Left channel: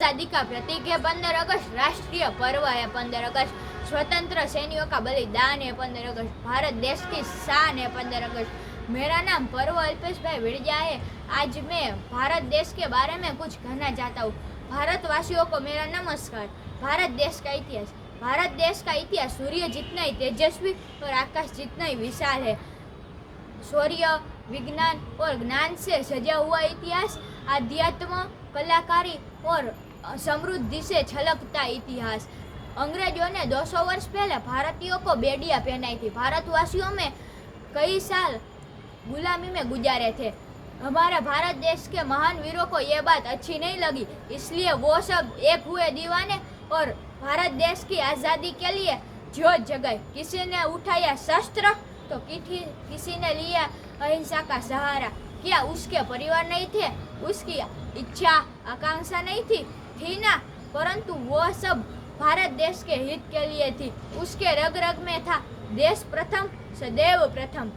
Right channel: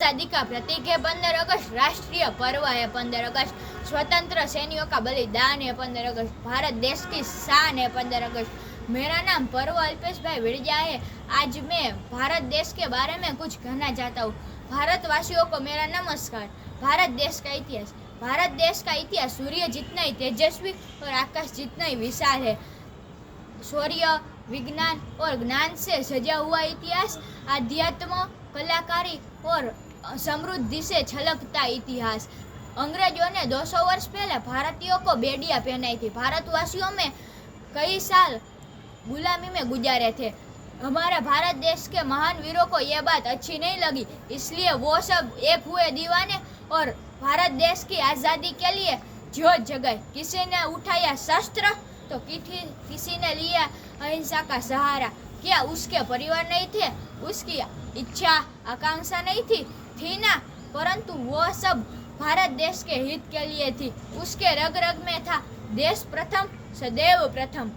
आजादी का प्रतीक है 15 अगस्त, राष्ट्रीय पर्व है 15 अगस्त, स्वतंत्र सैनिकों का बलिदान है 15 अगस्त, भारत देश की शान है 15 अगस्त। मेरा नाम पर्व अल्पेश भाई विड़जा है। आज मैं भारत देश के बारे में कुछ कहना चाहता हूँ। भारतवासियों को मेरा नमस्कार। भारत देश का इतिहास। भारत देश का इतिहास सूर्य जितना ही तेजस्वी और आकाश जितना ही विशाल है। शौर्य, विज्ञान और ज्ञान से सजा हुआ इतिहास, आध्यात्म, कलाकारी और समृद्धि से छलकता इतिहास। अंग्रेजों ने 200 वर्ष पहले भारतीयों को बेड़ियां पहनाई थी। भारतवासियों में कई साल गुलामी में गुजारे थे। हमारे भारत देश के महान वीरों को ये बात अच्छी नहीं लगी, इसलिए वो सब एक हुए दीवाने और भारत देश की आज़ादी के लिए जोत जगाई। किसी ने उठाया शस्त्र तो किसी ने लिया अहिंसा का सहारा। क्या उसके परिवार नहीं थे? उसकी इच्छा आकांक्षा नहीं थी ना, परंतु वो सब भारत देश के हित के लिए थी। उसके रग रग में था देश प्रथम सदैव प्रथम।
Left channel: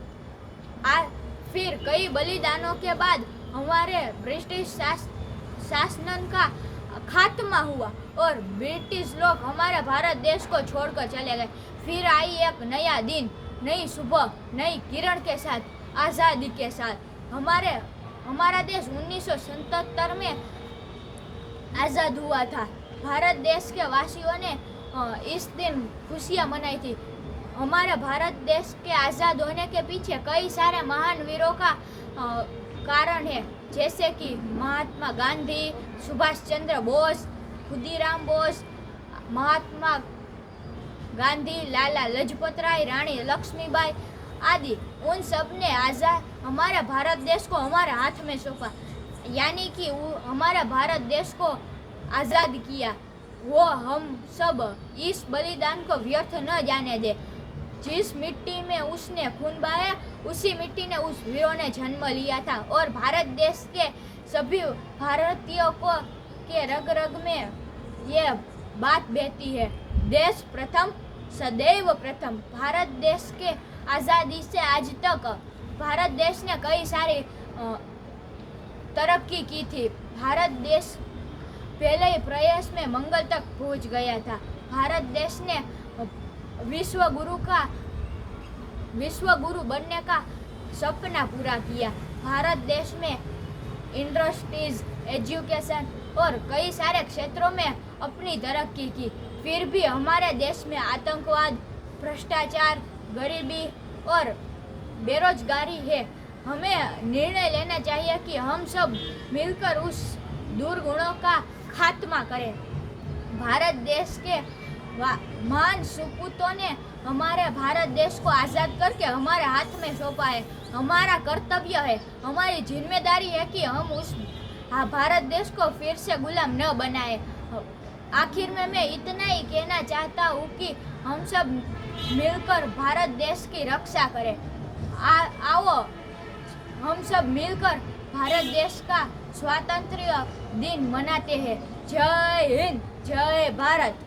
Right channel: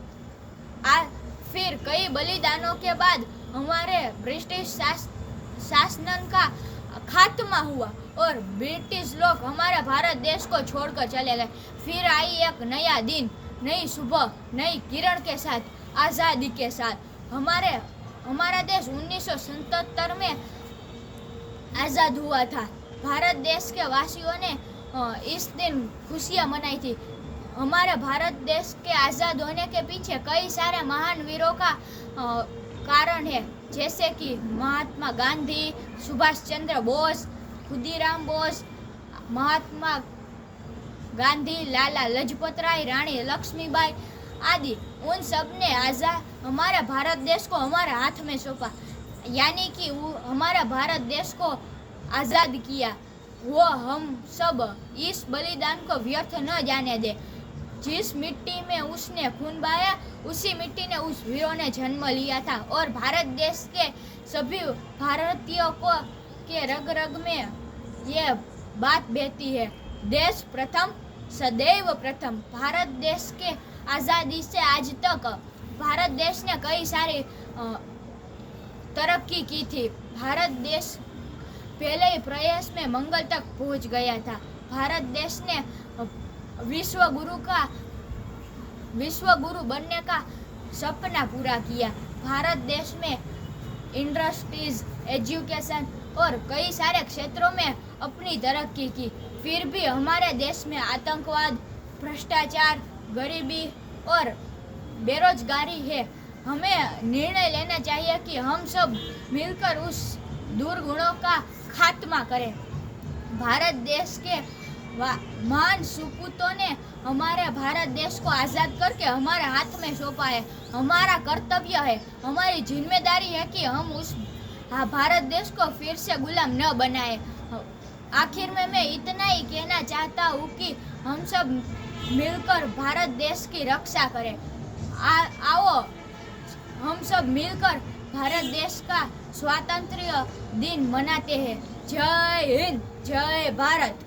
फिर कई बलिदानों के बाद हमारे ब्रिटिश शासन का खात्मा हुआ और ब्रिटिश लोग हमारे भारत देश को छोड़कर चले गए। फिर आई एक नया दिन, नई सुबह, नई किरण के साथ, आज़ादी के साथ। हमारा देश 1977 में आज़ाद हुआ था। भारत देश के वासियों ने इस दिन खुशियाँ मनाई थी। हमारे भारत देश के आज़ाद होने के पीछे कई सारे महान वीरों का कारण है, जैसे कि महात्मा गांधी, सुभाष चंद्र बोस, खुदीराम बोस, महात्मा गांधी, लाला लाजपत राय, रानी लक्ष्मीबाई आदि। उन सब ने हमारे भारत देश को हमारे हाथ में सौंपा, यानी कि हमारे भारत देश को आज़ाद किया। वो हम सब इस बलिदान को व्यर्थ न जाने दे। जिस मिट्टी में उसने खून बहाया, उसी मिट्टी ने उस वीरों ने जन्म लिया था और भारत देश के सभी भारतीयों को के रग रग में ये बात बहती है, देश प्रथम सदैव प्रथम। भारत देश के आज़ादी से आज तक भारत देश ने कई सारी तरक्की की थी। भारत देश पहले ही प्रयास में मंगल तक पहुंच गया था। भारत देश ने विश्व गुरु बनने का सपना पूरा किया। भारत देश में इंडस्ट्रीज, एजुकेशन और कई सारे क्षेत्रों में अपनी तरक्की की। फिर भी हमारे देश में आतंकवाद, भ्रष्टाचार, गरीबी और बेरोजगारी है। हमें निर्णय लेना चाहिए कि हम सब मिलकर उस दुर्गुणों का खात्मा करें। भारत देश के महान सपूतों ने हमारे भारत देश को आज़ाद करके हमारे हाथ में सौंपा है। हमारा कर्तव्य है, हमारी जिम्मेदारी है कि हम उस भारत देश को फिर से गुलाम न बनाए। आखिर में मैं इतना ही कहना चाहता हूँ कि हम सब मिलकर भारत देश की रक्षा करें। आओ हम सब मिलकर भारत देश का स्वातंत्र्य दिन मनाते हैं। जय हिंद, जय भारत।